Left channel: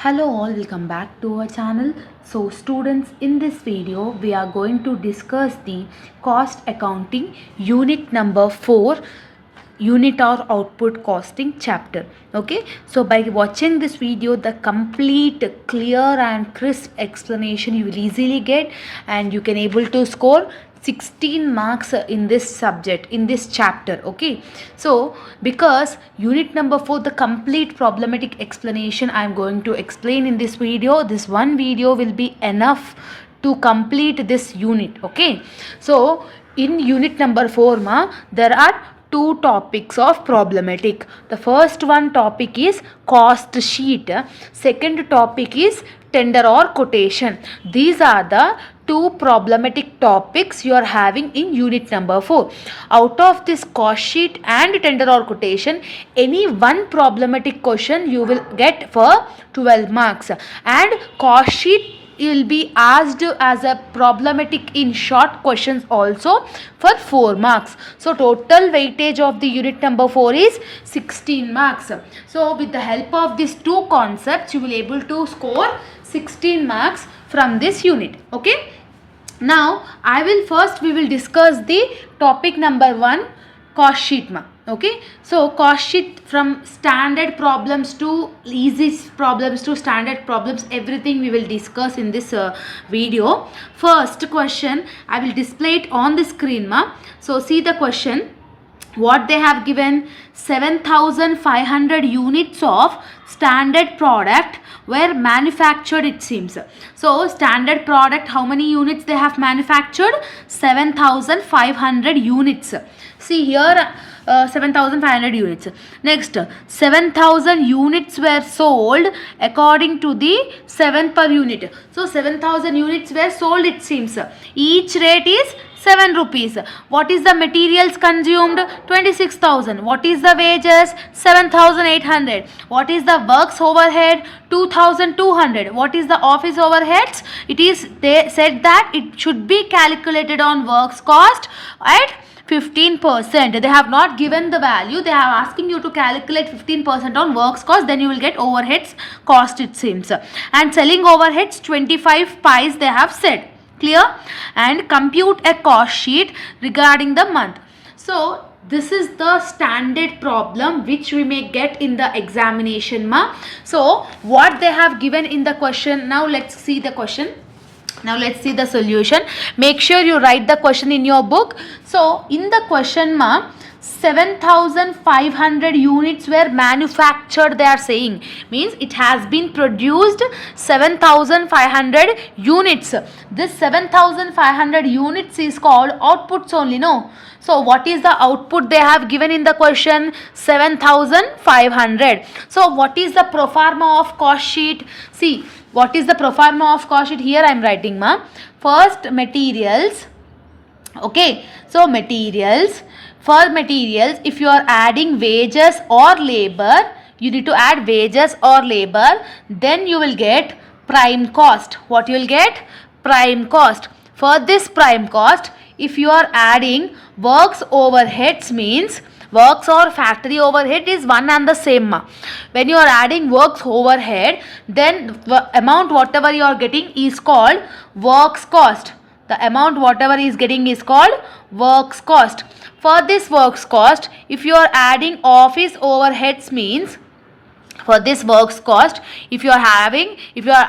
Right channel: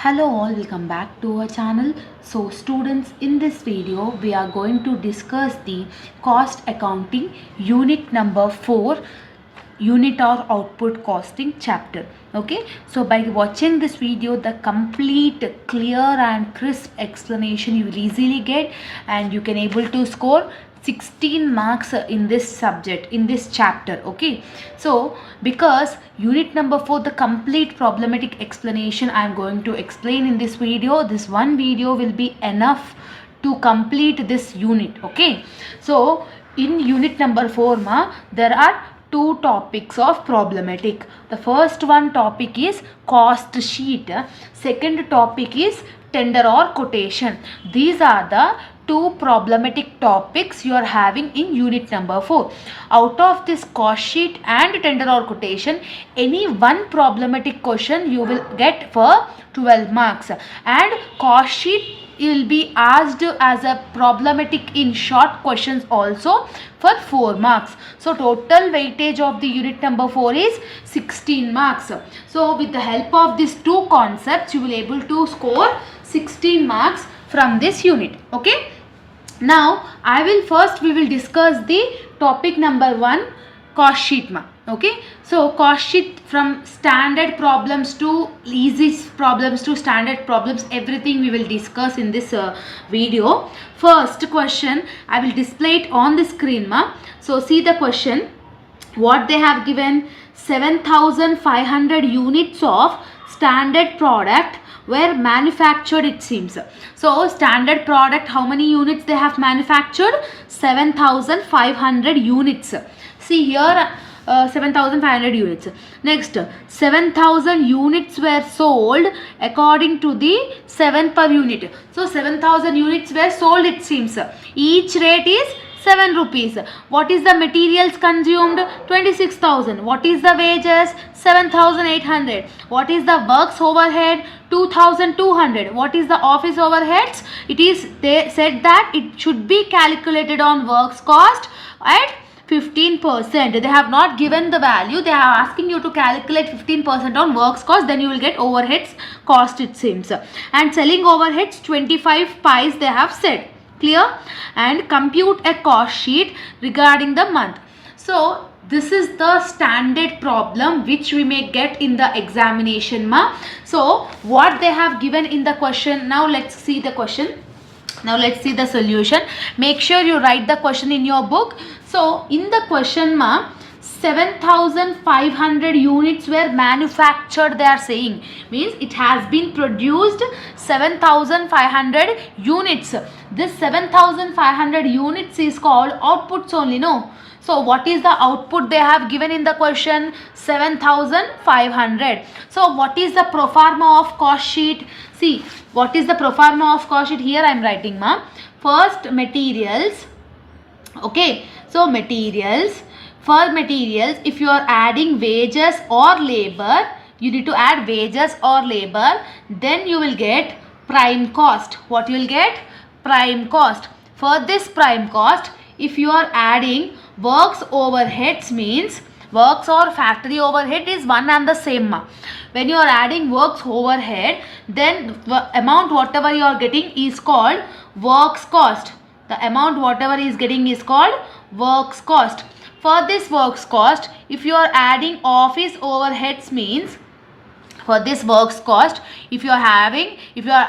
Hello all, welcome back to our channel. So students, in this video we are going to discuss the cost accounting unit number 4, unit or output costing chapter. Okay, so by watching this video, the complete clear and crisp explanation you will easily get, and you can able to score 16 marks in this subject, in this chapter. Okay, so because unit number 4, the complete problematic explanation I am going to explain in this video. This one video will be enough to complete this unit. Okay, so in unit number 4 there are two topics of problematic. The first one topic is cost sheet, second topic is tender or quotation. These are the two problematic topics you are having in unit number 4. Out of this cost sheet and tender or quotation, any one problematic question you will get for 12 marks, and cost sheet will be asked as a problematic in short questions also for 4 marks. So total weightage of the unit number 4 is 16 marks. So with the help of these two concepts, you will able to score 16 marks from this unit. Okay, now we will discuss the topic number 1, cost sheet Okay, so cost sheet, from standard problems to easy problems to standard problems, everything we will discuss in this video. First question, I will display it on the screen So see the question. What they have given: 7,500 units of standard product were manufactured, it seems. So standard product, how many units they have manufactured? 7,500 units. See here, 7,500 units. Next, 7,000 units were sold according to the 7 per unit. So 7,000 units were sold, it seems. Each rate is 7 rupees. What is the materials consumed? 26,000. What is the wages? 7,800. What is the works overhead? 2,200. What is the office overheads? They said that it should be calculated on works cost at 15%. They have not given the value. They are asking you to calculate 15% on works cost. Then you will get overheads cost, it seems. And selling overheads 25 pies they have said. Clear? And compute a cost sheet regarding the month. So this is the standard problem which we may get in the examination So what they have given in the question, now let's see the question. Now let's see the solution. Make sure you write the question in your book. So in the question 7,500 units were manufactured, they are saying. Means it has been produced 7,500 units. This 7,500 units is called outputs only, no? So what is the output they have given in the question? 7,500. So what is the pro forma of cost sheet? See, what is the pro forma of cost sheet? Here I am writing First, materials. Okay, so materials. For materials, if you are adding wages or labor, you need to add wages or labor, then you will get prime cost. What you will get? Prime cost. For this prime cost, if you are adding works overheads, means works or factory overhead is one and the same. When you are adding works overhead, then the amount whatever you are getting is called works cost. The amount whatever is getting is called works cost. For this works cost, if you are adding office overheads, means for this works cost, if you are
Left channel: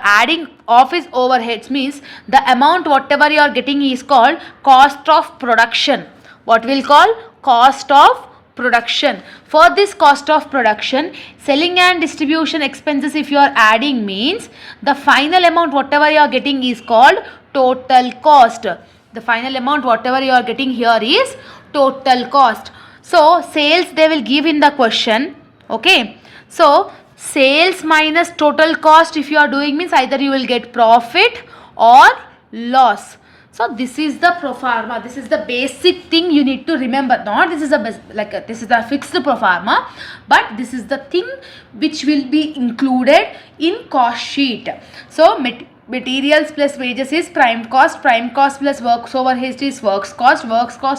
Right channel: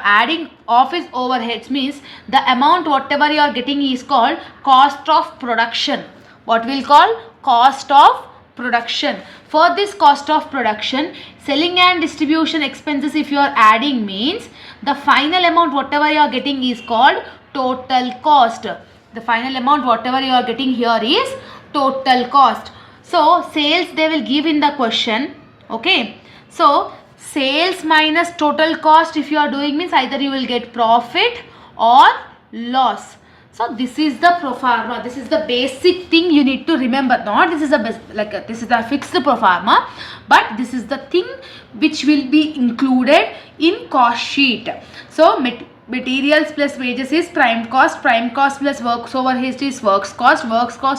adding office overheads, means the amount whatever you are getting is called cost of production. What we'll call cost of production. For this cost of production, selling and distribution expenses if you are adding, means the final amount whatever you are getting is called total cost. The final amount whatever you are getting here is total cost. So sales they will give in the question. Okay, so sales minus total cost if you are doing, means either you will get profit or loss. So this is the pro forma. This is the basic thing you need to remember. Not this is this is a fixed pro forma, but this is the thing which will be included in cost sheet. So materials plus wages is prime cost plus works overheads is works cost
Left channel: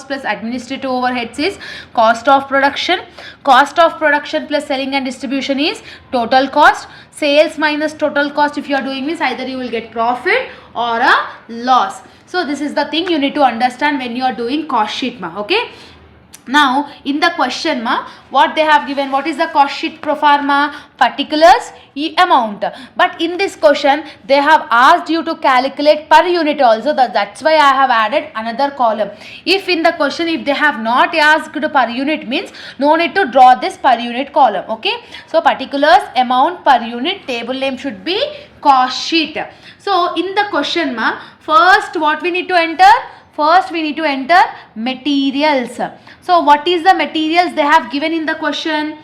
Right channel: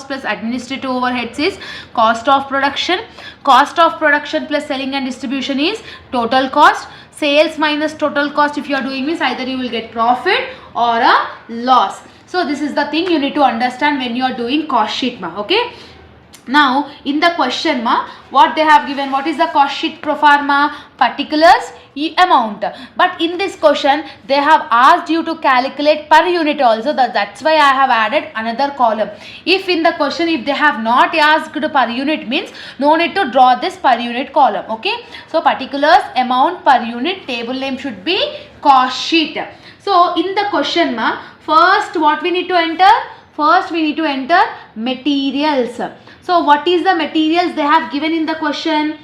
plus administrative overheads is cost of production plus selling and distribution is total cost, Sales minus total cost, if you are doing means either you will get profit or a loss. So this is the thing you need to understand when you are doing cost sheet ma. Okay. Now in the question ma, what they have given, what is the cost sheet pro forma? Particulars, amount. But in this question they have asked you to calculate per unit also. That's why I have added another column. If in the question if they have not asked per unit means no need to draw this per unit column. Okay. So particulars, amount, per unit, table name should be cost sheet. So in the question ma, first what we need to enter? First we need to enter materials. So what is the materials they have given in the question?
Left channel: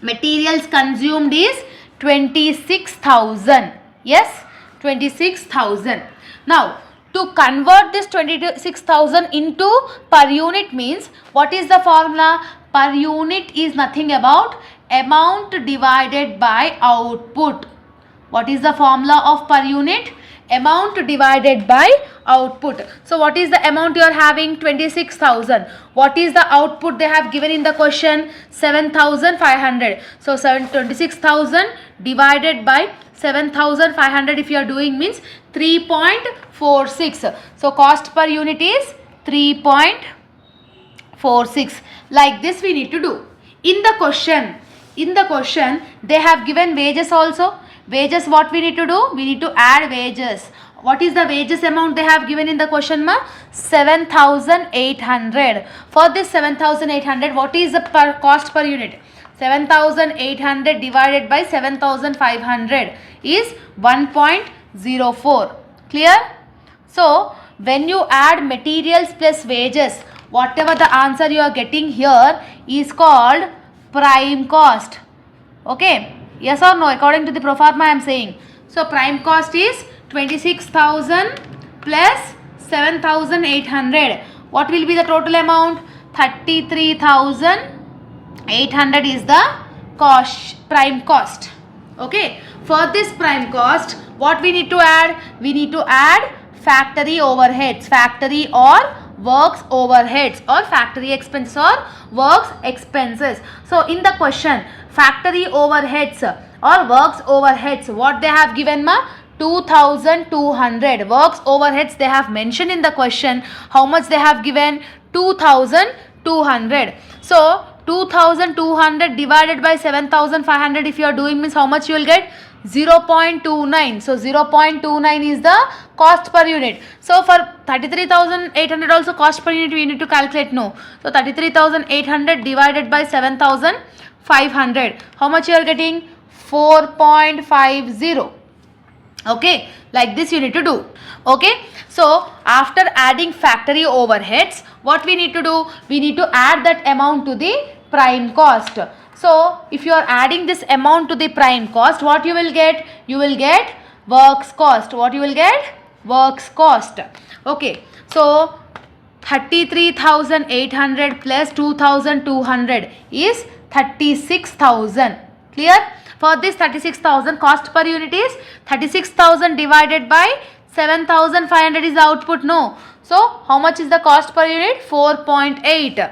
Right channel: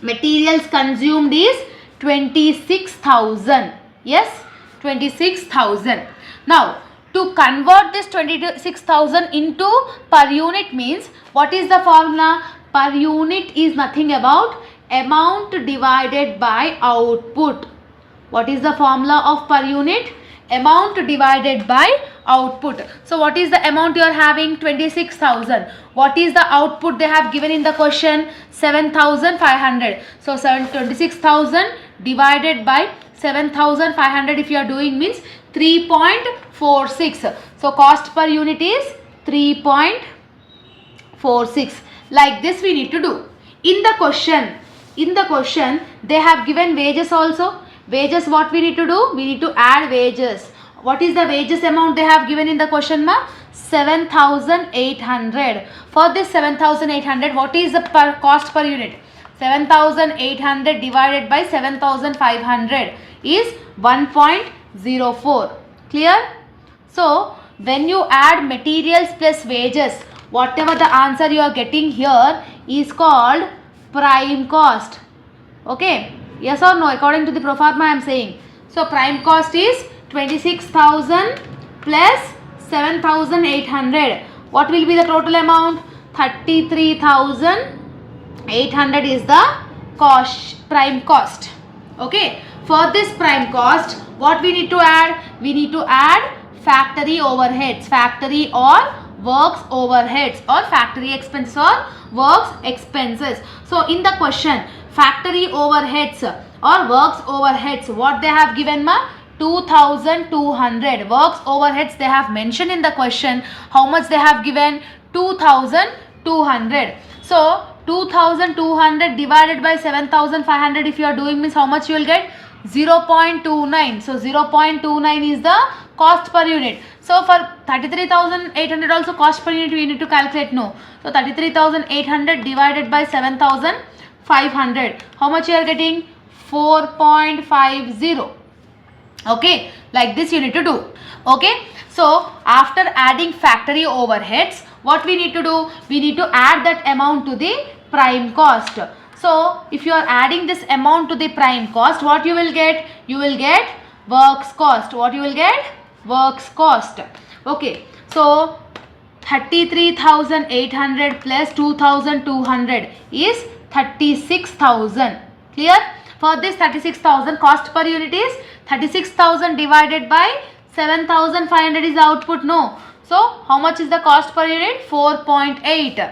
Materials consumed is 26,000. Yes, 26,000. Now to convert this 26,000 into per unit means what is the formula? Per unit is nothing about amount divided by output. What is the formula of per unit? Amount divided by output. So what is the amount you are having? 26,000. What is the output they have given in the question? 7,500. So 26,000 divided by 7,500 if you are doing means 3.46. So cost per unit is 3.46. Like this we need to do. In the question they have given wages also. Wages, what we need to do? We need to add wages. What is the wages amount they have given in the question ma? 7,800. For this 7,800, what is the cost per unit? 7,800 divided by 7,500 is 1.04. Clear? So when you add materials plus wages, whatever the answer you are getting here is called prime cost. Okay. Yes or no? According to the pro forma I am saying. So prime cost is 26,000 plus 7,800. What will be the total amount? 33,800 is the prime cost. Okay. For this prime cost, what we need to add? We need to add factory overheads, factory or works overheads, or factory expenses or works expenses. So in the question, factory overheads or works overheads, what they have given ma? 2,200. Works overheads they have mentioned in the question. How much they have given? 2,200. So 2,200 divided by 7,500 if you are doing means how much you will get? 0.29. So 0.29 is the cost per unit. So for 33,800 also cost per unit we need to calculate. No. So 33,800 divided by 7,500. How much you are getting? 4.50. Okay. Like this you need to do. Okay. So after adding factory overheads, what we need to do? We need to add that amount to the prime cost. So if you are adding this amount to the prime cost, what you will get? You will get works cost. What you will get? Works cost. Okay. So 33,800 plus 2,200 is 36,000. Clear? For this 36,000 cost per unit is 36,000 divided by 7,500 is the output. No. So how much is the cost per unit? 4.8.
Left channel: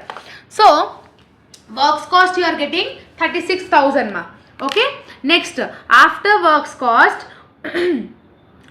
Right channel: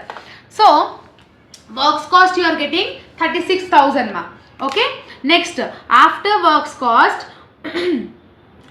So works cost you are getting 36,000 ma. Okay. Next, after works cost,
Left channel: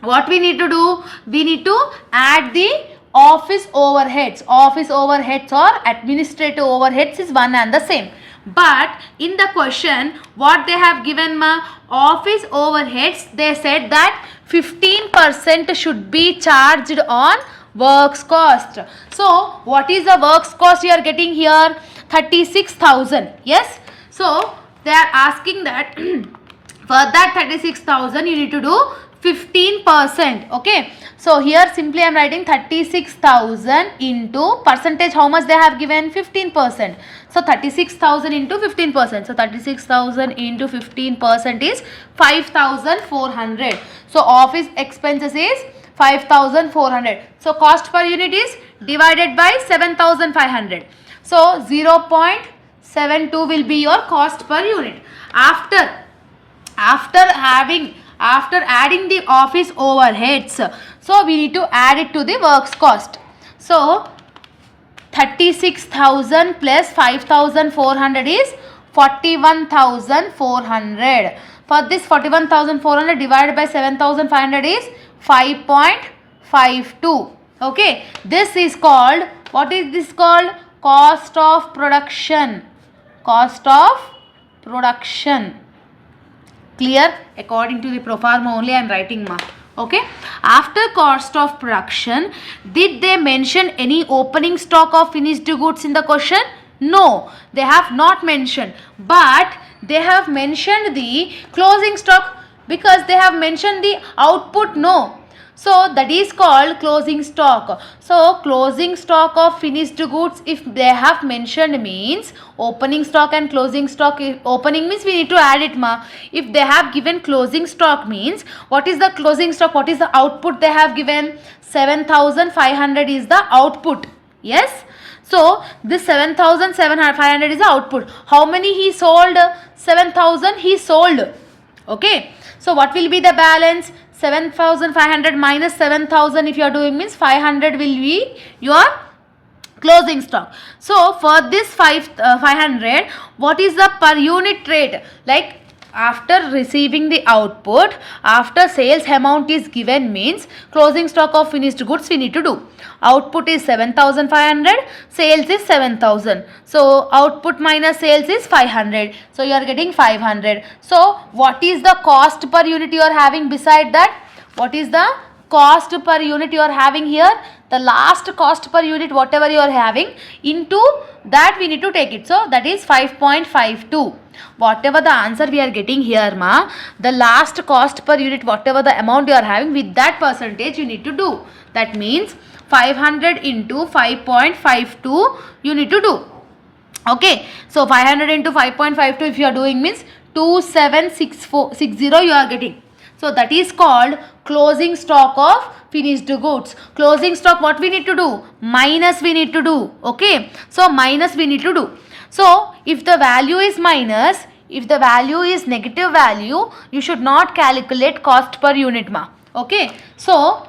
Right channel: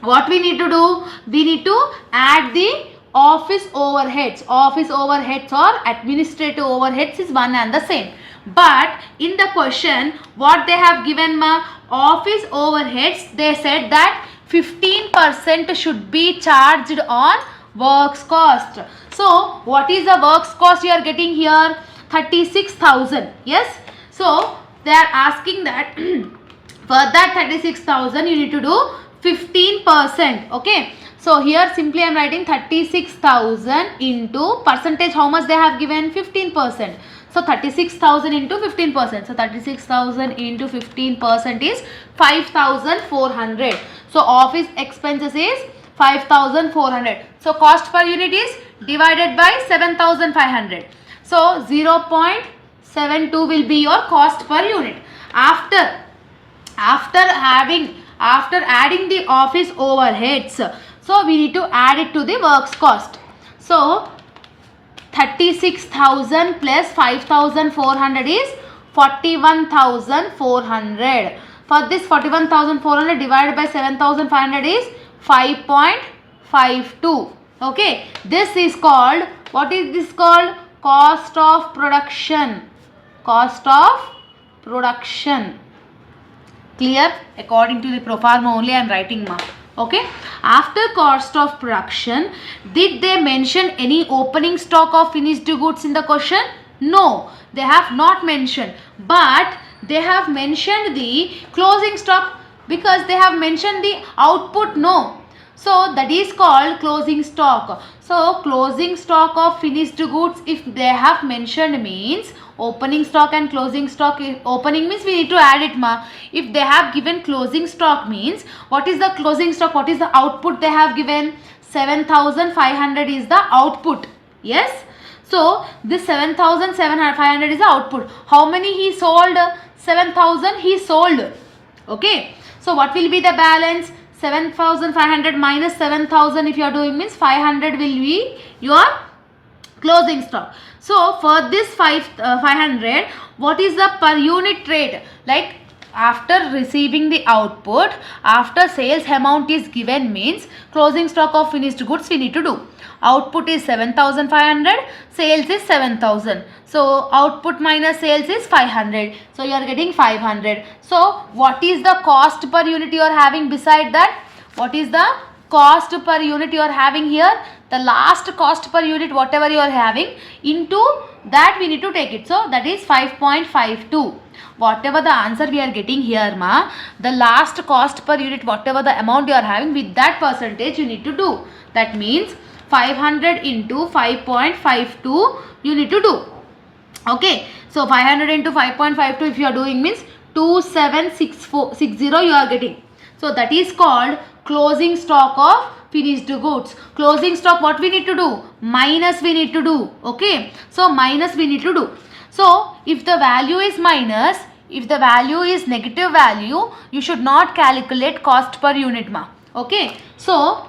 what we need to do? We need to add the office overheads. Office overheads or administrative overheads is one and the same. But in the question, what they have given ma? Office overheads, they said that 15% should be charged on works cost. So what is the works cost you are getting here? 36,000. Yes. So they are asking that for that 36,000 you need to do 15%. Okay. So here simply I am writing 36,000 into percentage. How much they have given? 15%. So 36,000 into 15%. So 36,000 into 15% is 5,400. So office expenses is 5,400. So cost per unit is divided by 7,500. So 0.72 will be your cost per unit. After adding the office overheads, so we need to add it to the works cost. So 36,000 plus 5,400 is 41,400. For this 41,400 divided by 7,500 is 5.52. Okay, this is called, what is this called? Cost of production. Cost of production. Clear? According to the proforma only I am writing, ma. Okay, after cost of production, did they mention any opening stock of finished goods in the question? No, they have not mentioned, but they have mentioned the closing stock, because they have mentioned the output. No, so that is called closing stock. So closing stock of finished goods, if they have mentioned, means opening stock and closing stock. Opening means we need to add it, ma. If they have given closing stock, means what is the closing stock, what is the output they have given? 7,500 is the output. Yes, so this 7,500 is the output. How many he sold? 7,000 he sold. Okay, so what will be the balance? 7,500 minus 7,000 if you are doing, means 500 will be your closing stock. So for this 500, what is the per unit rate? Like after receiving the output, after sales amount is given, means closing stock of finished goods we need to do. Output is 7,500, sales is 7,000. So output minus sales is 500. So you are getting 500. So what is the cost per unit you are having beside that? What is the cost per unit you are having here? The last cost per unit whatever you are having, into that we need to take it. So that is 5.52. Whatever the answer we are getting here, ma, the last cost per unit whatever the amount you are having, with that percentage you need to do. That means 500 into 5.52 you need to do. Okay, so 500 into 5.52 if you are doing, means 2760 you are getting. So that is called closing stock of finished goods. Closing stock, what we need to do? Minus we need to do. Okay, so minus we need to do. So if the value is minus, if the value is negative value, you should not calculate cost per unit, ma. Okay, so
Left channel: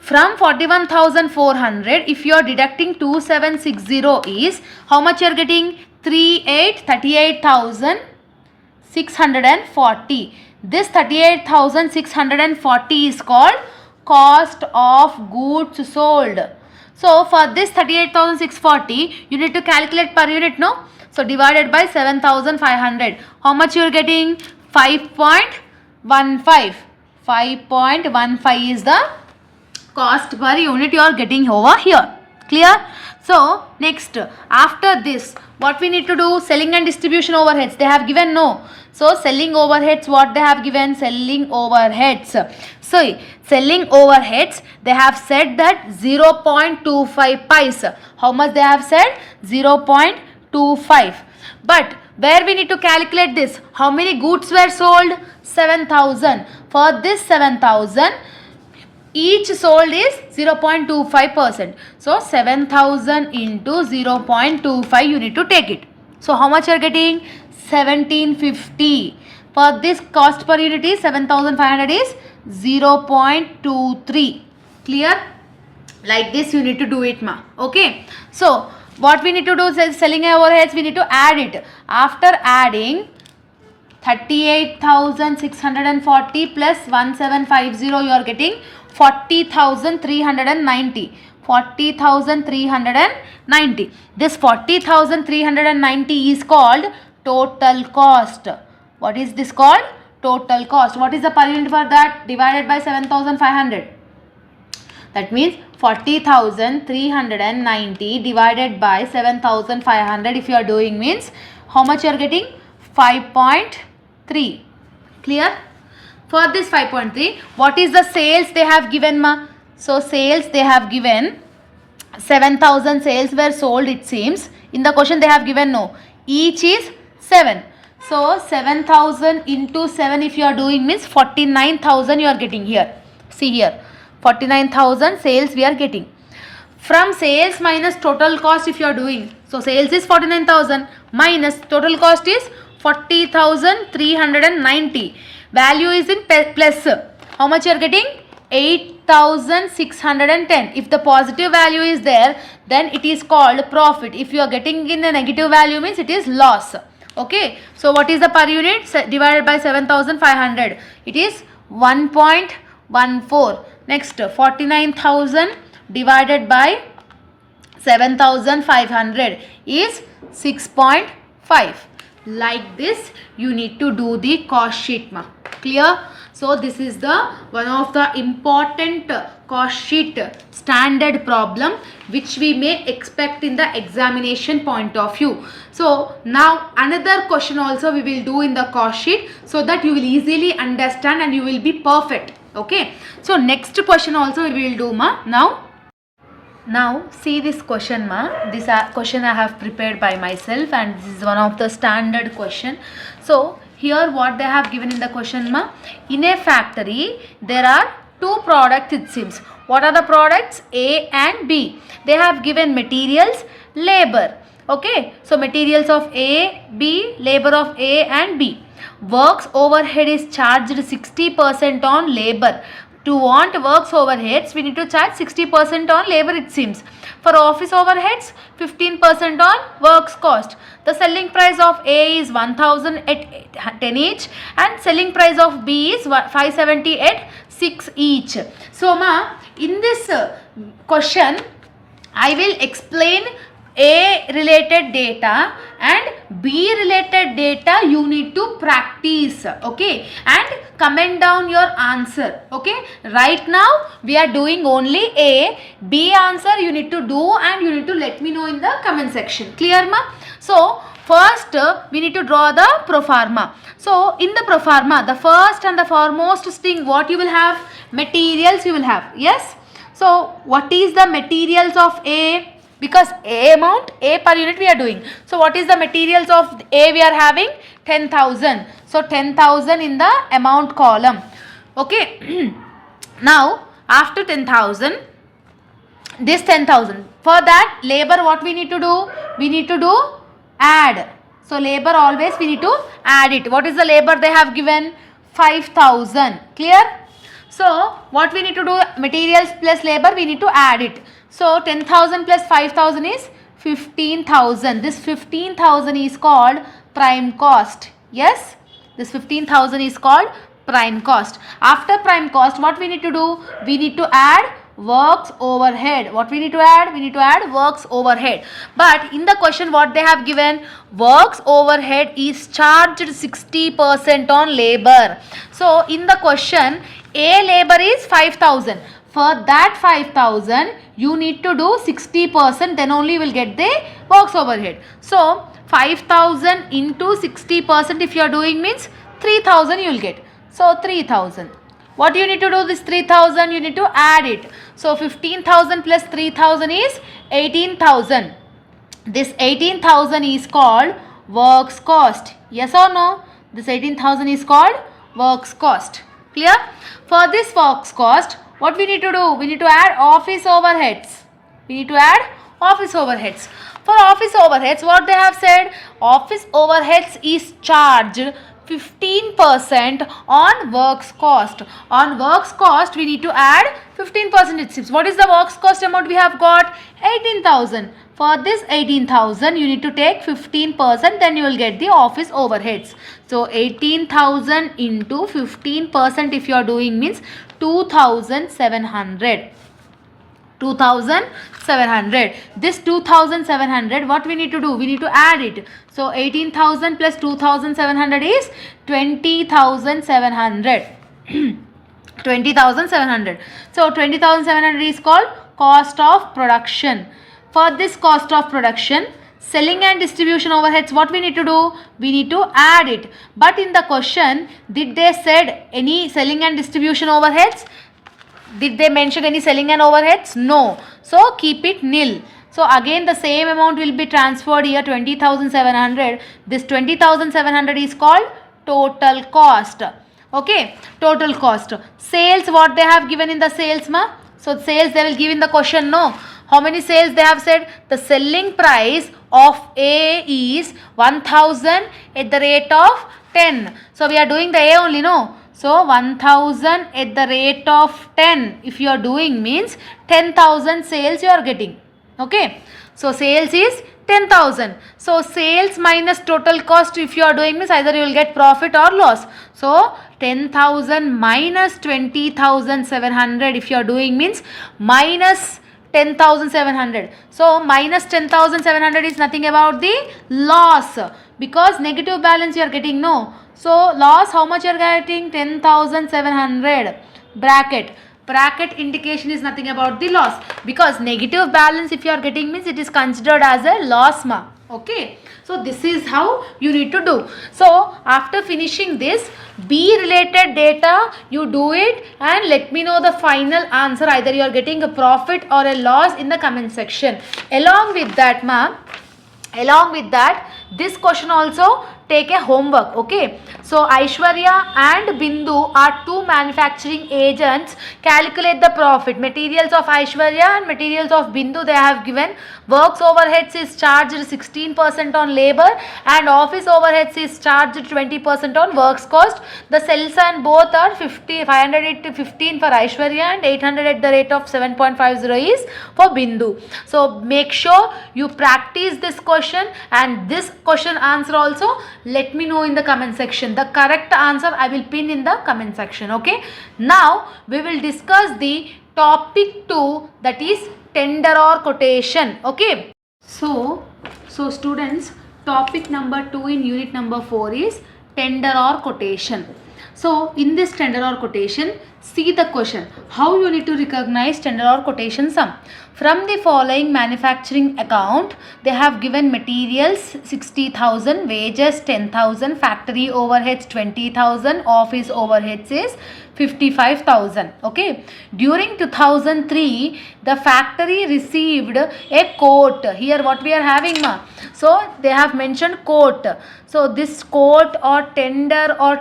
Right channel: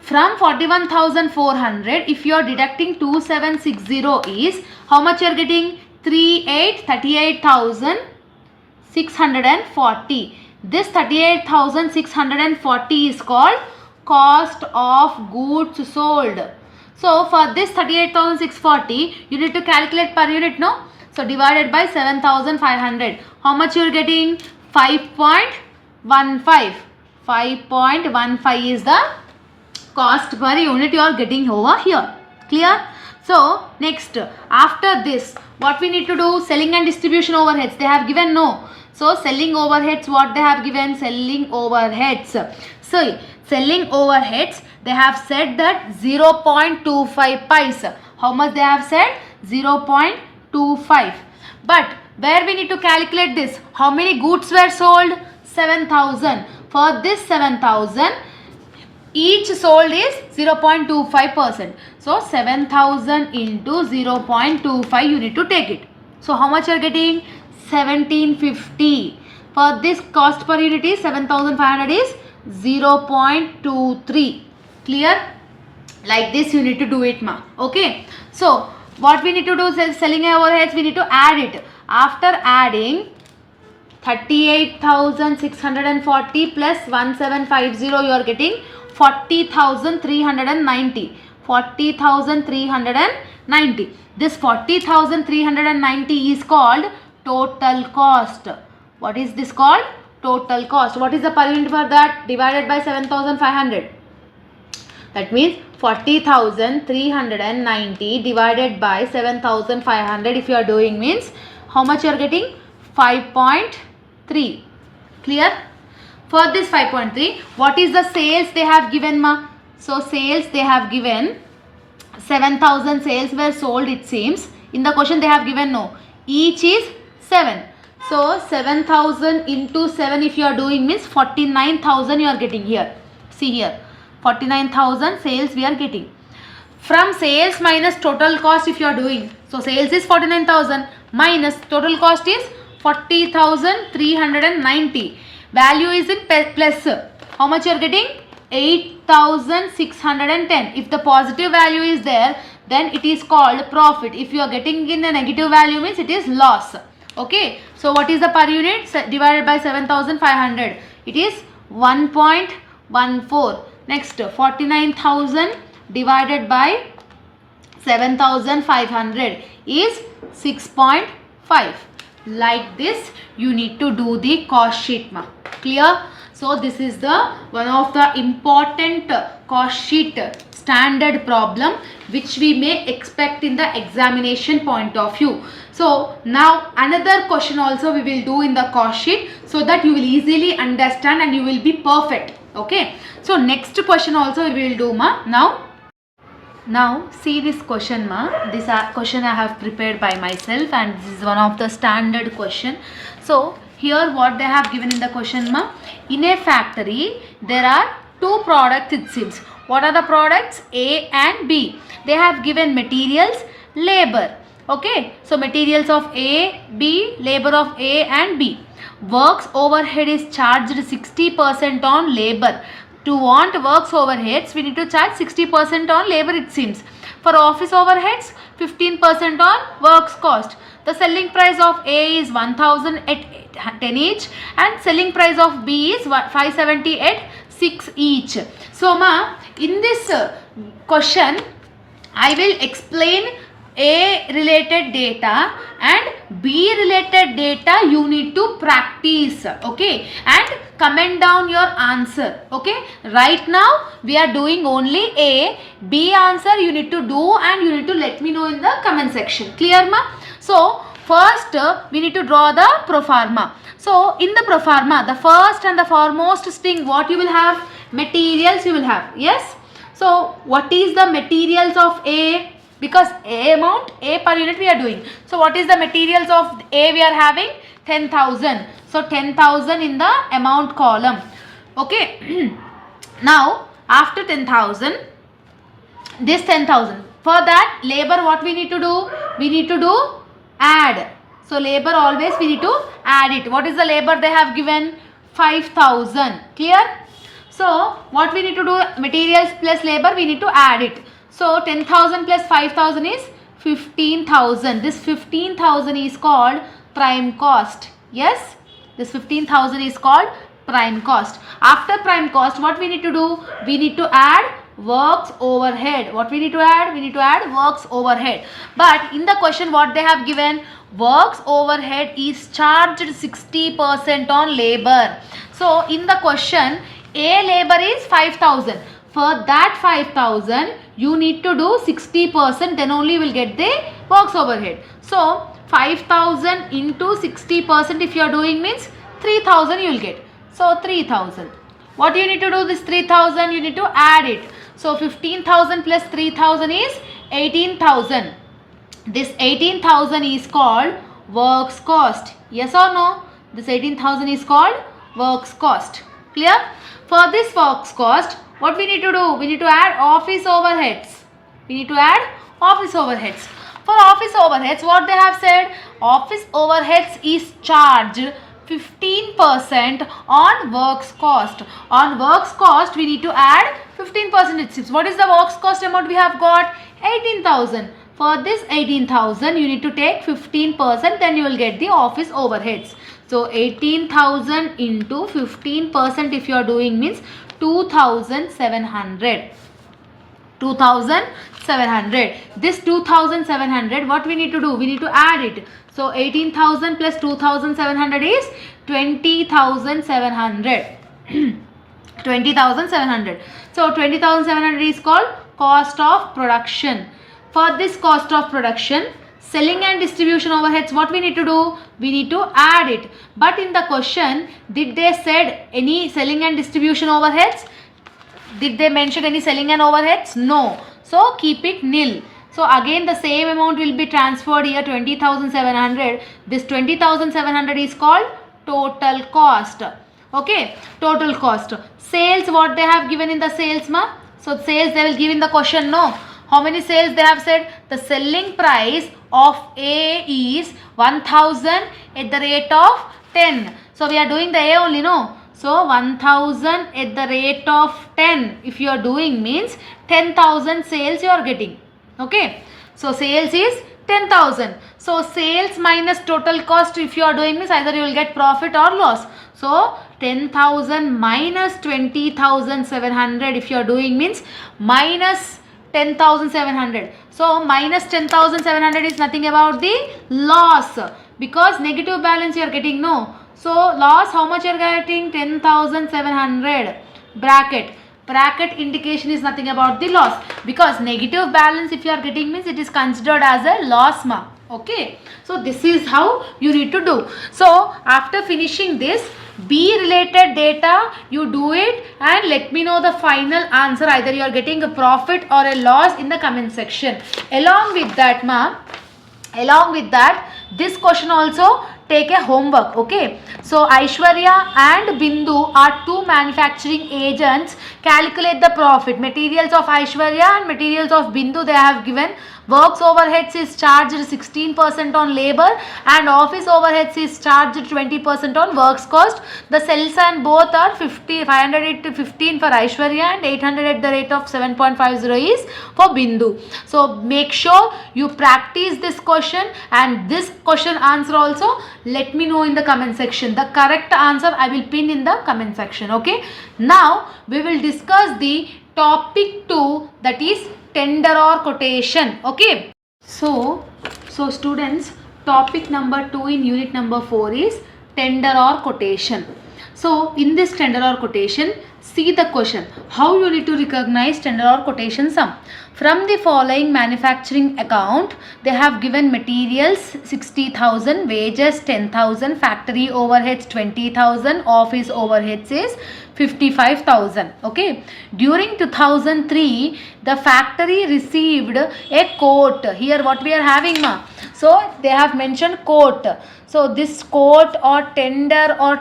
from 41,400, if you are deducting 2760 is, how much you are getting? 38,640. This 38,640 is called cost of goods sold. So for this 38,640, you need to calculate per unit, no? So divided by 7,500. How much you are getting? 5.15. 5.15 is the cost per unit you are getting over here. Clear? So next, after this, what we need to do? Selling and distribution overheads. They have given, no. So selling overheads, what they have given? Selling overheads. So selling overheads, they have said that 0.25 pies. How much they have said? 0.25. But where we need to calculate this? How many goods were sold? 7,000. For this 7,000, each sold is 0.25%. So 7,000 into 0.25 you need to take it. So how much you are getting? 1750. For this cost per unit is 7,500 is 0.23. Clear? Like this you need to do it, ma. Okay. So what we need to do is selling overheads, we need to add it. After adding 38,640 plus 1750, you are getting 40,390. 40,390. This 40,390 is called total cost. What is this called? Total cost. What is the per unit for that? Divided by 7,500. That means 40,390 divided by 7,500 if you are doing, means how much you are getting? 5.3. Clear? For this 5.3, what is the sales they have given, ma? So sales they have given 7,000 sales were sold, it seems. In the question they have given, no. Each is 7. So 7,000 into 7 if you are doing, means 49,000 you are getting here. See here. 49,000 sales we are getting. From sales minus total cost if you are doing. So sales is 49,000 minus total cost is 40,390. Value is in plus. How much you are getting? 8,610. If the positive value is there, then it is called profit. If you are getting in a negative value, means it is loss. Okay, so what is the per unit divided by 7500? It is 1.14. Next, 49,000 divided by 7,500 is 6.5. Like this you need to do the cost sheet, ma. Clear? So this is the one of the important cost sheet standard problem which we may expect in the examination point of view. So now another question also we will do in the cost sheet, so that you will easily understand and you will be perfect. Okay, so next question also we will do, ma. Now see this question, ma. This question I have prepared by myself, and this is one of the standard question. So here what they have given in the question, ma. In a factory there are two products, it seems. What are the products? A and B. They have given materials, labor. Okay, so materials of A, B, labor of A and B. Works overhead is charged 60% on labor. To want works overheads, we need to charge 60% on labor, it seems. For office overheads, 15% on works cost. The selling price of A is 1000 at 10 each, and selling price of B is 570 at 6 each. So, ma, in this question, I will explain A related data and B related data you need to practice. Okay, and comment down your answer. Okay, right now we are doing only A. B answer you need to do and you need to let me know in the comment section. Clear, ma? So first we need to draw the proforma. So in the proforma, the first and the foremost thing what you will have? Materials you will have. Yes. So what is the materials of A? Because A amount, A per unit we are doing. So what is the materials of A we are having? 10,000. So 10,000 in the amount column. Okay. Now after 10,000, this 10,000. For that labor what we need to do? We need to do add. So labor always we need to add it. What is the labor they have given? 5,000. Clear? So what we need to do? Materials plus labor we need to add it. So 10,000 plus 5,000 is 15,000. This 15,000 is called prime cost. Yes, this 15,000 is called prime cost. After prime cost, what we need to do? We need to add works overhead. What we need to add? We need to add works overhead. But in the question what they have given, works overhead is charged 60% on labor. So in the question, A labor is 5,000. For that 5,000, you need to do 60%, then only you will get the works overhead. So 5,000 into 60% if you are doing means 3,000 you will get. So 3,000. What do you need to do this 3,000? You need to add it. So 15,000 plus 3,000 is 18,000. This 18,000 is called works cost. Yes or no? This 18,000 is called works cost. Clear? For this works cost, what we need to do? We need to add office overheads. We need to add office overheads. For office overheads, what they have said? Office overheads is charged 15% on works cost. On works cost, we need to add 15%. It seems. What is the works cost amount we have got? 18,000. For this 18,000, you need to take 15%, then you will get the office overheads. So 18,000 into 15% if you are doing means 2,700. 2,700. This 2,700, what we need to do? We need to add it. So 18,000 plus 2,700 is 20,700. 20,700. So 20,700 is called cost of production. For this cost of production, selling and distribution overheads, what we need to do? We need to add it. But in the question, did they said any selling and distribution overheads? Did they mention any selling and overheads? No. So keep it nil. So again the same amount will be transferred here, 20,700. This 20,700 is called total cost. Okay, total cost. Sales, what they have given in the sales, ma? So sales they will give in the question, no. How many sales they have said? The selling price of A is 1,000 at the rate of 10. So we are doing the A only, no. So 1,000 at the rate of 10. If you are doing means 10,000 sales you are getting. Okay. So sales is 10,000. So sales minus total cost, if you are doing this, either you will get profit or loss. So 10,000 minus 20,700, if you are doing, means minus 10,700. So minus 10,700 is nothing about the loss, because negative balance you are getting, no. So loss, how much you are getting? 10,700. Bracket indication is nothing about the loss, because negative balance if you are getting means it is considered as a loss ma. Okay, so this is how you need to do. So after finishing this B related data, you do it and let me know the final answer, either you are getting a profit or a loss in the comment section. Along with that ma, this question also take a homework. Okay, so Aishwarya and Bindu are two manufacturing agents. Calculate the profit. Materials of Aishwarya and materials of Bindu they have given. Works overheads is charged 16% on labor and office overheads is charged 20% on works cost. The cells and both are 500 to 15 for Aishwarya and 800 at the rate of 7.50 is for Bindu. So make sure you practice this question, and this question answer also let me know in the comment section. The correct answer I will pin in the comment section. Okay, now we will discuss the topic 2, that is tender or quotation. Okay, so students, topic number 2 in unit number 4 is tender or quotation. So in this tender or quotation, see the question, how you need to recognize tender or quotation sum. From the following manufacturing account, they have given materials 60,000, wages 10,000, factory overheads 20,000, office overheads is 55,000. Okay, during 2003 the factory received a quote. Here what we are having ma, so they have mentioned quote. So this quote or tender or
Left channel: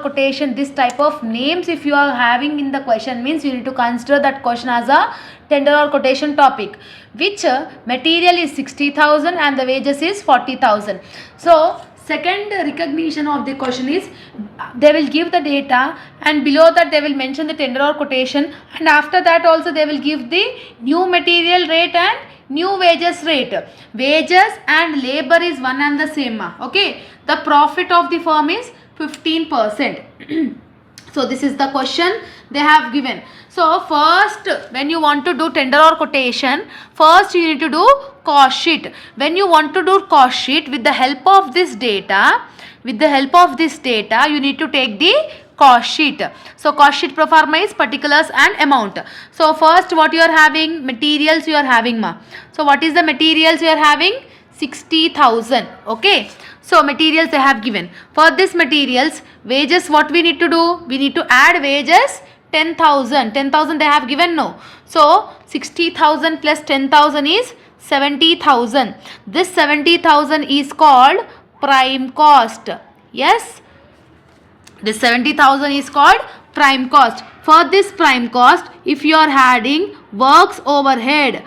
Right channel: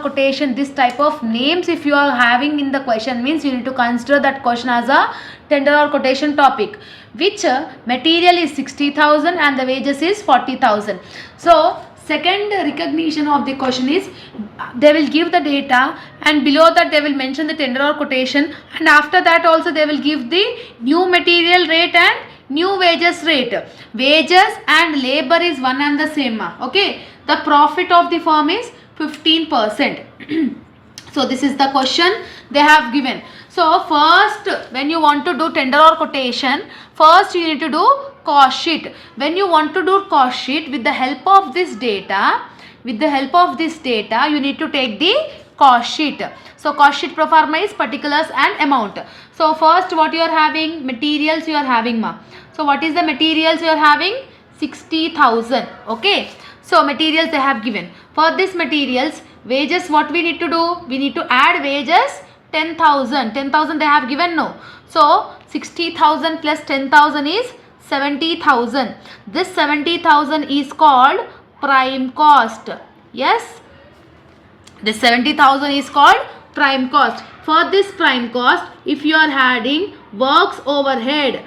quotation, this type of names if you are having in the question, means you need to consider that question as a tender or quotation topic. Which material is 60,000 and the wages is 40,000. So second recognition of the question is, they will give the data and below that they will mention the tender or quotation, and after that also they will give the new material rate and new wages rate. Wages and labor is one and the same. Okay, the profit of the firm is 15%. So this is the question they have given. So first, when you want to do tender or quotation, first you need to do cost sheet. When you want to do cost sheet, with the help of this data, you need to take the cost sheet. So cost sheet pro forma is particulars and amount. So first what you are having, materials you are having ma. So what is the materials you are having? 60,000. Okay, so materials they have given. For this materials, wages what we need to do? We need to add wages 10,000. 10,000 they have given, no. So 60,000 plus 10,000 is 70,000. This 70,000 is called prime cost. Yes, this 70,000 is called prime cost. For this prime cost, if you are adding works overheads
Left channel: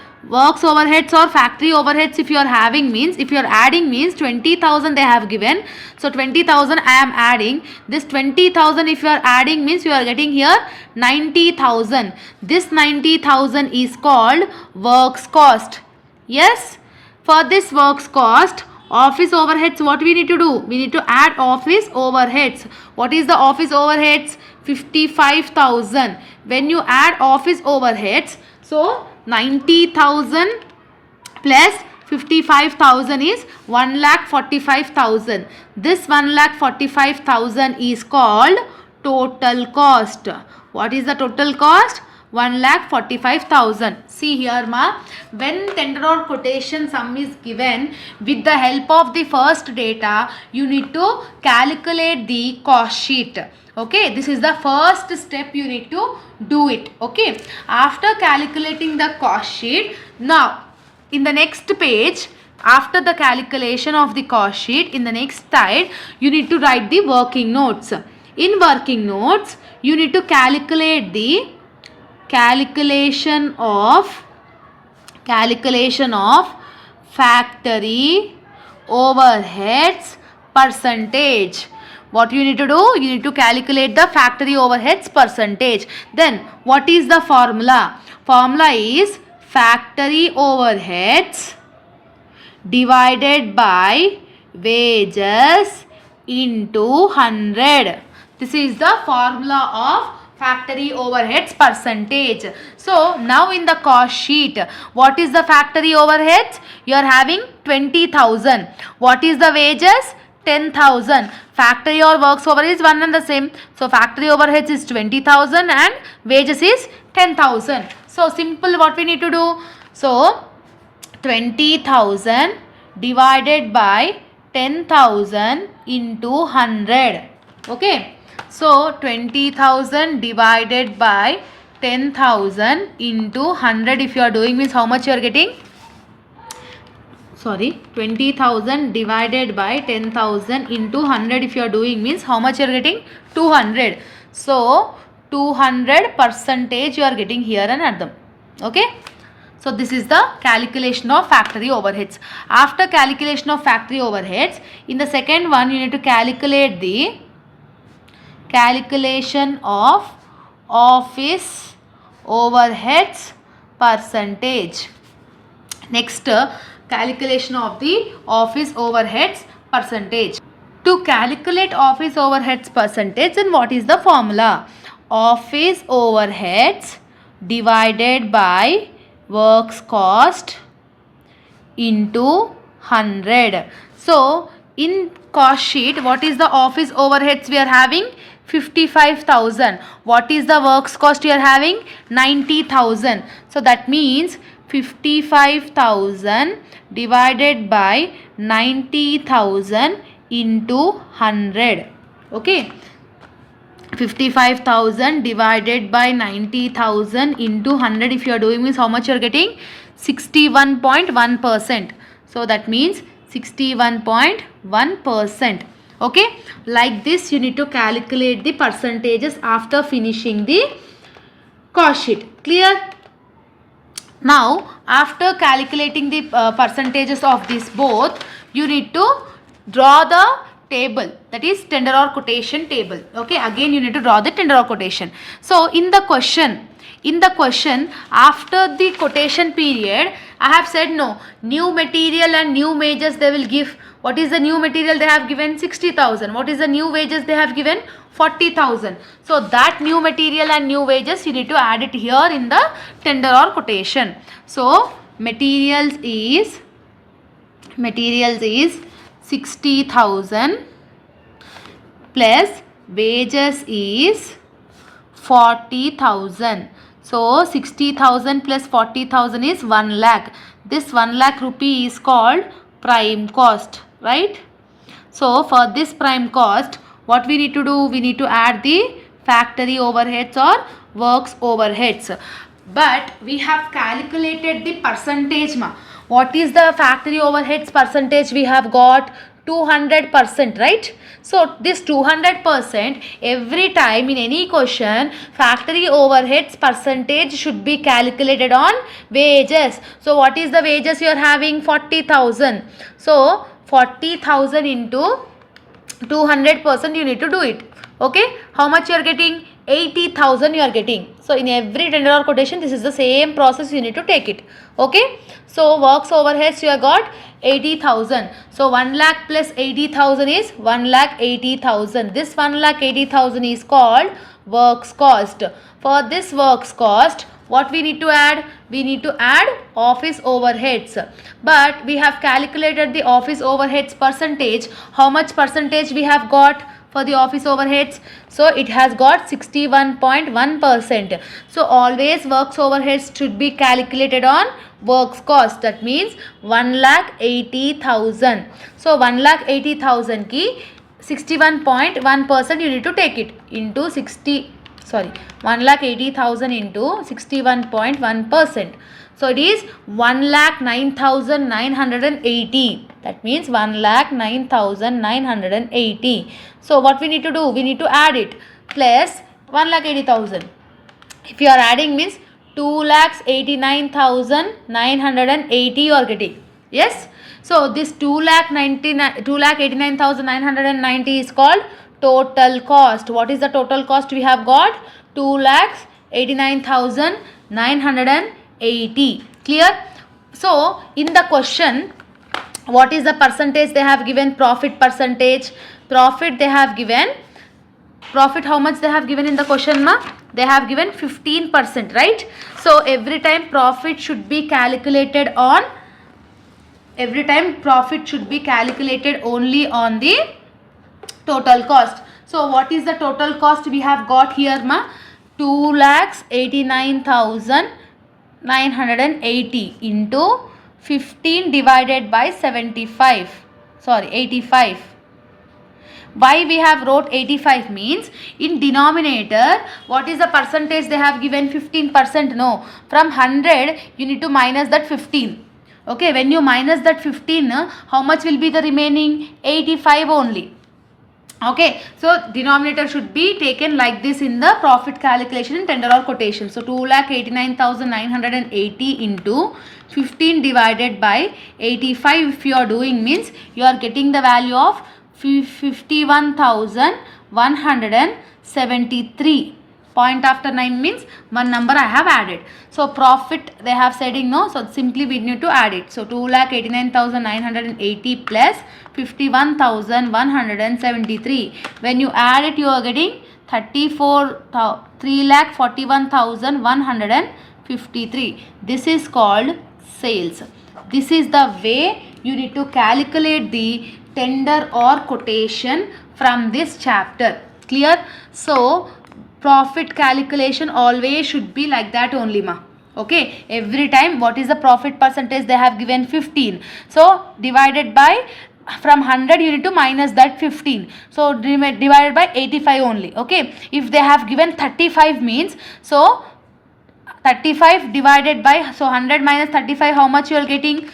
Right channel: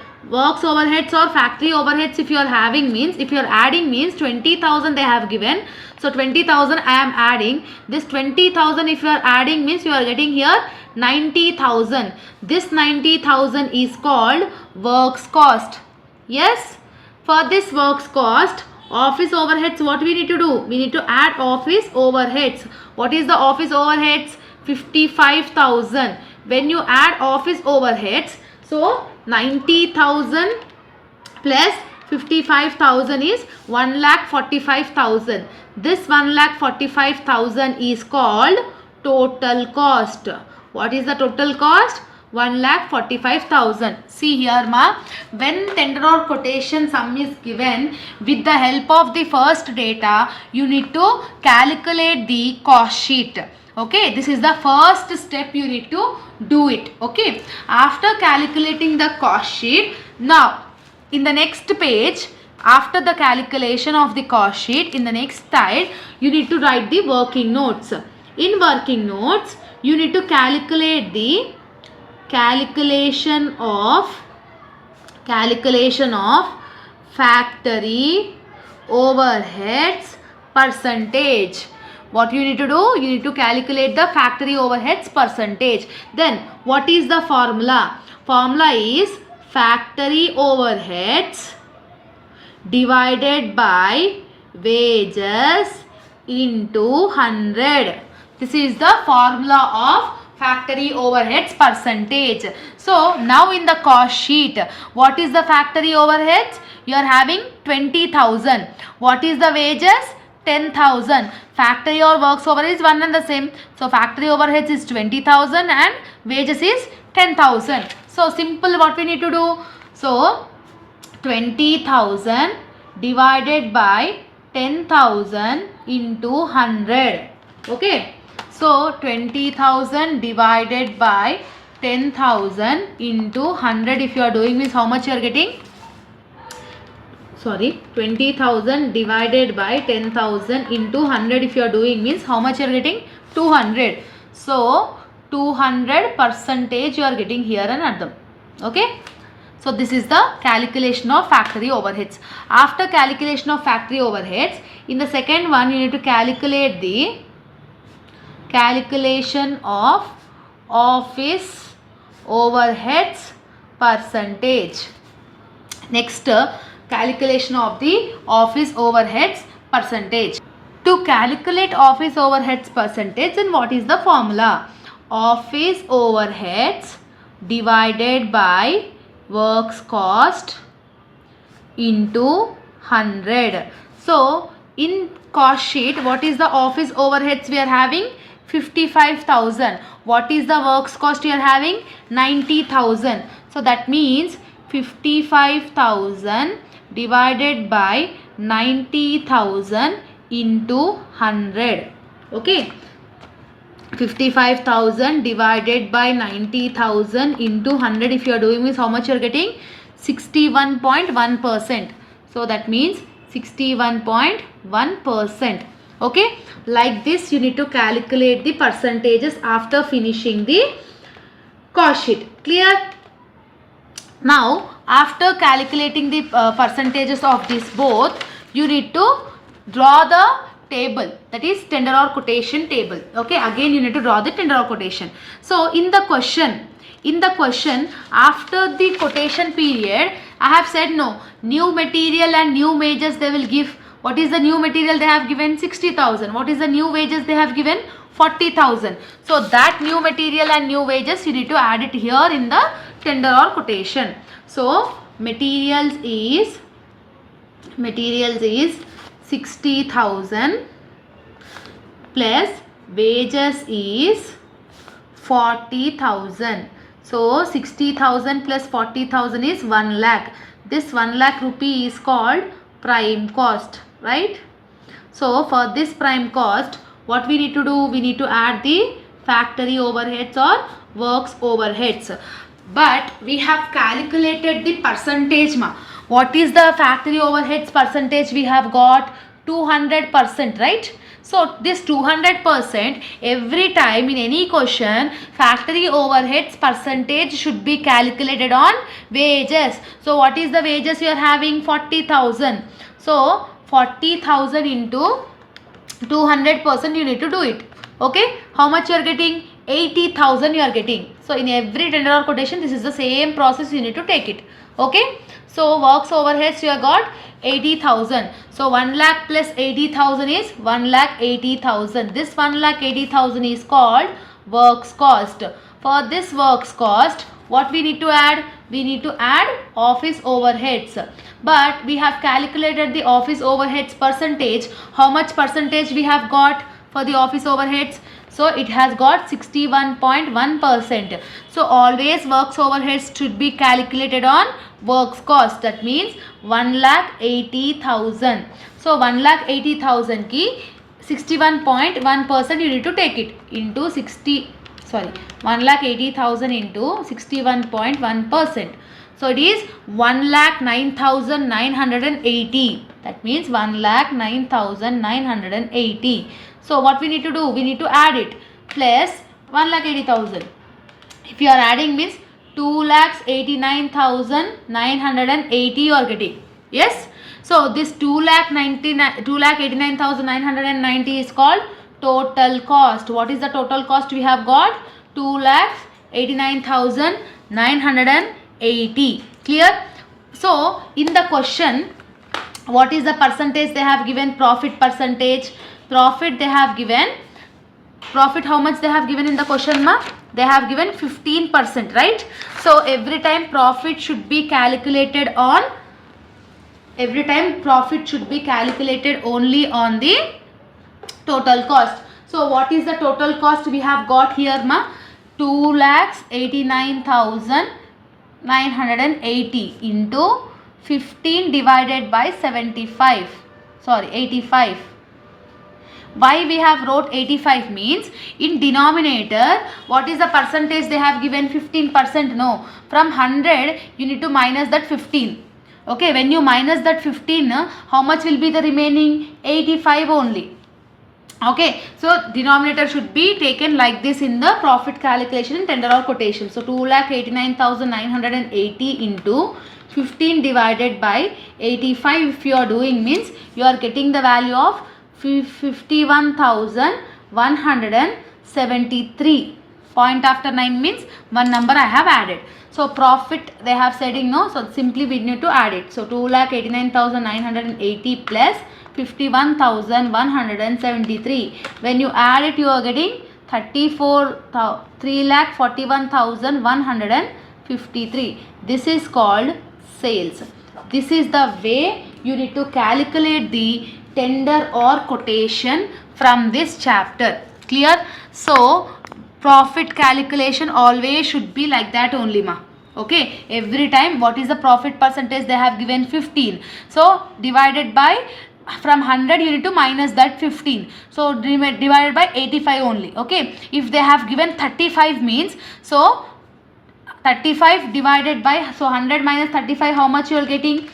or factory overheads, if you are having means, if you are adding means 20,000 they have given. So 20,000 I am adding. This 20,000 if you are adding means you are getting here 90,000. This 90,000 is called works cost. Yes, for this works cost, office overheads what we need to do? We need to add office overheads. What is the office overheads? 55,000. When you add office overheads, so 90,000 plus 55,000 is 1,45,000. This 1,45,000 is called total cost. What is the total cost? 1,45,000. See here ma, when tender or quotation sum is given, with the help of the first data, you need to calculate the cost sheet. Okay, this is the first step you need to do it. Okay, after calculating the cost sheet, now in the next page, after the calculation of the cost sheet, in the next slide, you need to write the working notes. In working notes, you need to calculate the calculation of factory overheads percentage. What you need to do? You need to calculate the factory overheads percentage. Then what is the formula? Formula is factory overheads divided by wages into 100. This is the formula of factory overheads percentage. So now in the cost sheet, what is the factory overheads? You are having 20,000. What is the wages? 10,000. Factory or works overhead is one and the same. So factory overheads is 20,000 and wages is 10,000. So simple, what we need to do? So 20,000 divided by 10,000 into 100. Okay. So 20,000 divided by 10,000 into 100, if you are doing means how much you are getting? Sorry, 20,000 divided by 10,000 into 100, if you are doing means how much you are getting? 200. So 200 percentage you are getting here and at them. Okay. So this is the calculation of factory overheads. After calculation of factory overheads, in the second one you need to calculate the calculation of office overheads percentage. Next, calculation of the office overheads percentage. To calculate office overheads percentage, then what is the formula? Office overheads divided by works cost into 100. So in cost sheet, what is the office overheads we are having? 55,000. What is the works cost you are having? 90,000. So that means 55,000 divided by 90,000 into 100. Okay. 55,000 divided by 90,000 into 100, if you are doing this, how much you are getting? 61.1%. So that means 61.1%. Okay, like this you need to calculate the percentages after finishing the cost sheet. Clear? Now after calculating the percentages of this both, you need to draw the table, that is tender or quotation table. Okay, again you need to draw the tender or quotation. So in the question after the quotation period, I have said no, new material and new wages they will give. What is the new material they have given? 60,000. What is the new wages they have given? 40,000. So that new material and new wages you need to add it here in the tender or quotation. So materials is 60,000 plus wages is 40,000. So 60,000 plus 40,000 is 1 lakh. This 1 lakh rupee is called prime cost, right? So for this prime cost, what we need to do? We need to add the factory overheads or works overheads. But we have calculated the percentage. What is the factory overheads percentage? We have got 200%, right? So this 200%, every time in any question, factory overheads percentage should be calculated on wages. So what is the wages you are having? 40,000. So 40,000 into 200% you need to do it. Okay, how much you are getting? 80,000 you are getting. So in every tender or quotation, this is the same process you need to take it. Okay, so works overheads you have got 80,000. So 1 lakh plus 80,000 is 1,80,000. This 1,80,000 is called works cost. For this works cost, what we need to add? We need to add office overheads. But we have calculated the office overheads percentage. How much percentage we have got for the office overheads? So it has got 61.1%. So always works overheads should be calculated on works cost. That means 1,80,000. So 1,80,000 ki 61.1% you need to take it into 1,80,000 into 61.1%. So it is 1,09,980. That means 1,09,980. So what we need to do? We need to add it plus 1,80,000. If you are adding means 2,89,980 you are getting. Yes. So this 2,89,990 is called total cost. What is the total cost we have got? 2,89,980. Clear? So in the question, What is the percentage they have given? Profit percentage. Profit they have given. Profit how much they have given in the question, ma? They have given 15%, right? So every time profit should be calculated on, every time profit should be calculated only on the total cost. So what is the total cost we have got here, ma? 2,89,980 into 15 divided by 75. Sorry, 85. Why we have wrote 85 means in denominator what is the percentage they have given? 15%. No, from 100 you need to minus that 15. Okay, when you minus that 15, how much will be the remaining? 85 only. Okay, so denominator should be taken like this in the profit calculation in tender or quotation. So 2,89,980 into 15 divided by 85 if you are doing means you are getting the value of 51,173. Point after 9 means one number I have added. So profit they have said, no, so simply we need to add it. So 2,89,980 plus 51,173. When you add it, you are getting 3,41,153. This is called sales. This is the way you need to calculate the tender or quotation from this chapter. Clear? So profit calculation always should be like that only, ma. Okay, every time what is the profit percentage they have given? 15. So divided by, from 100 you need to minus that 15. So divided by 85 only. Okay, if they have given 35 means, so 35 divided by, so 100 minus 35, how much you are getting?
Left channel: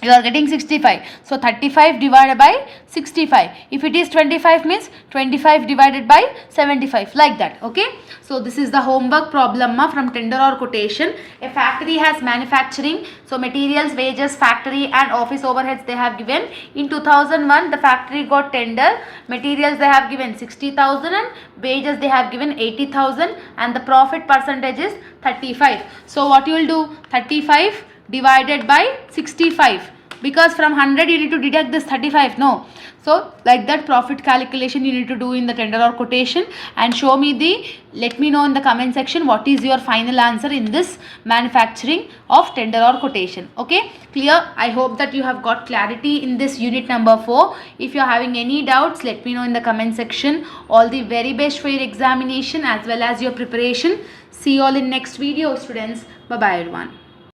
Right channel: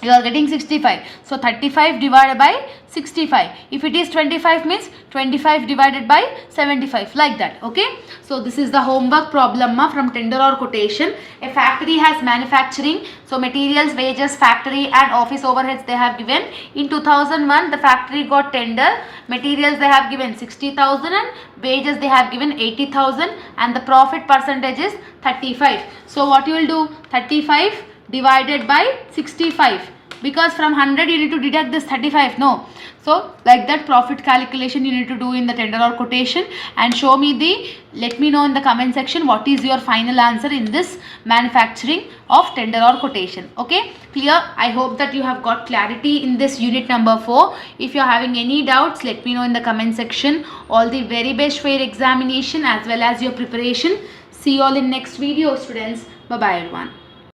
You are getting 65. So 35 divided by 65. If it is 25 means 25 divided by 75, like that. Okay, so this is the homework problem, ma, from tender or quotation. A factory has manufacturing, so materials, wages, factory and office overheads they have given. In 2001 the factory got tender. Materials they have given 60,000 and wages they have given 80,000 and the profit percentage is 35. So what you will do? 35 divided by 65, because from 100 you need to deduct this 35. No, so like that profit calculation you need to do in the tender or quotation, and show me the, let me know in the comment section what is your final answer in this manufacturing of tender or quotation. Okay, clear? I hope that you have got clarity in this unit number 4. If you are having any doubts, let me know in the comment section. All the very best for your examination as well as your preparation. See you all in next video, students. Bye bye everyone.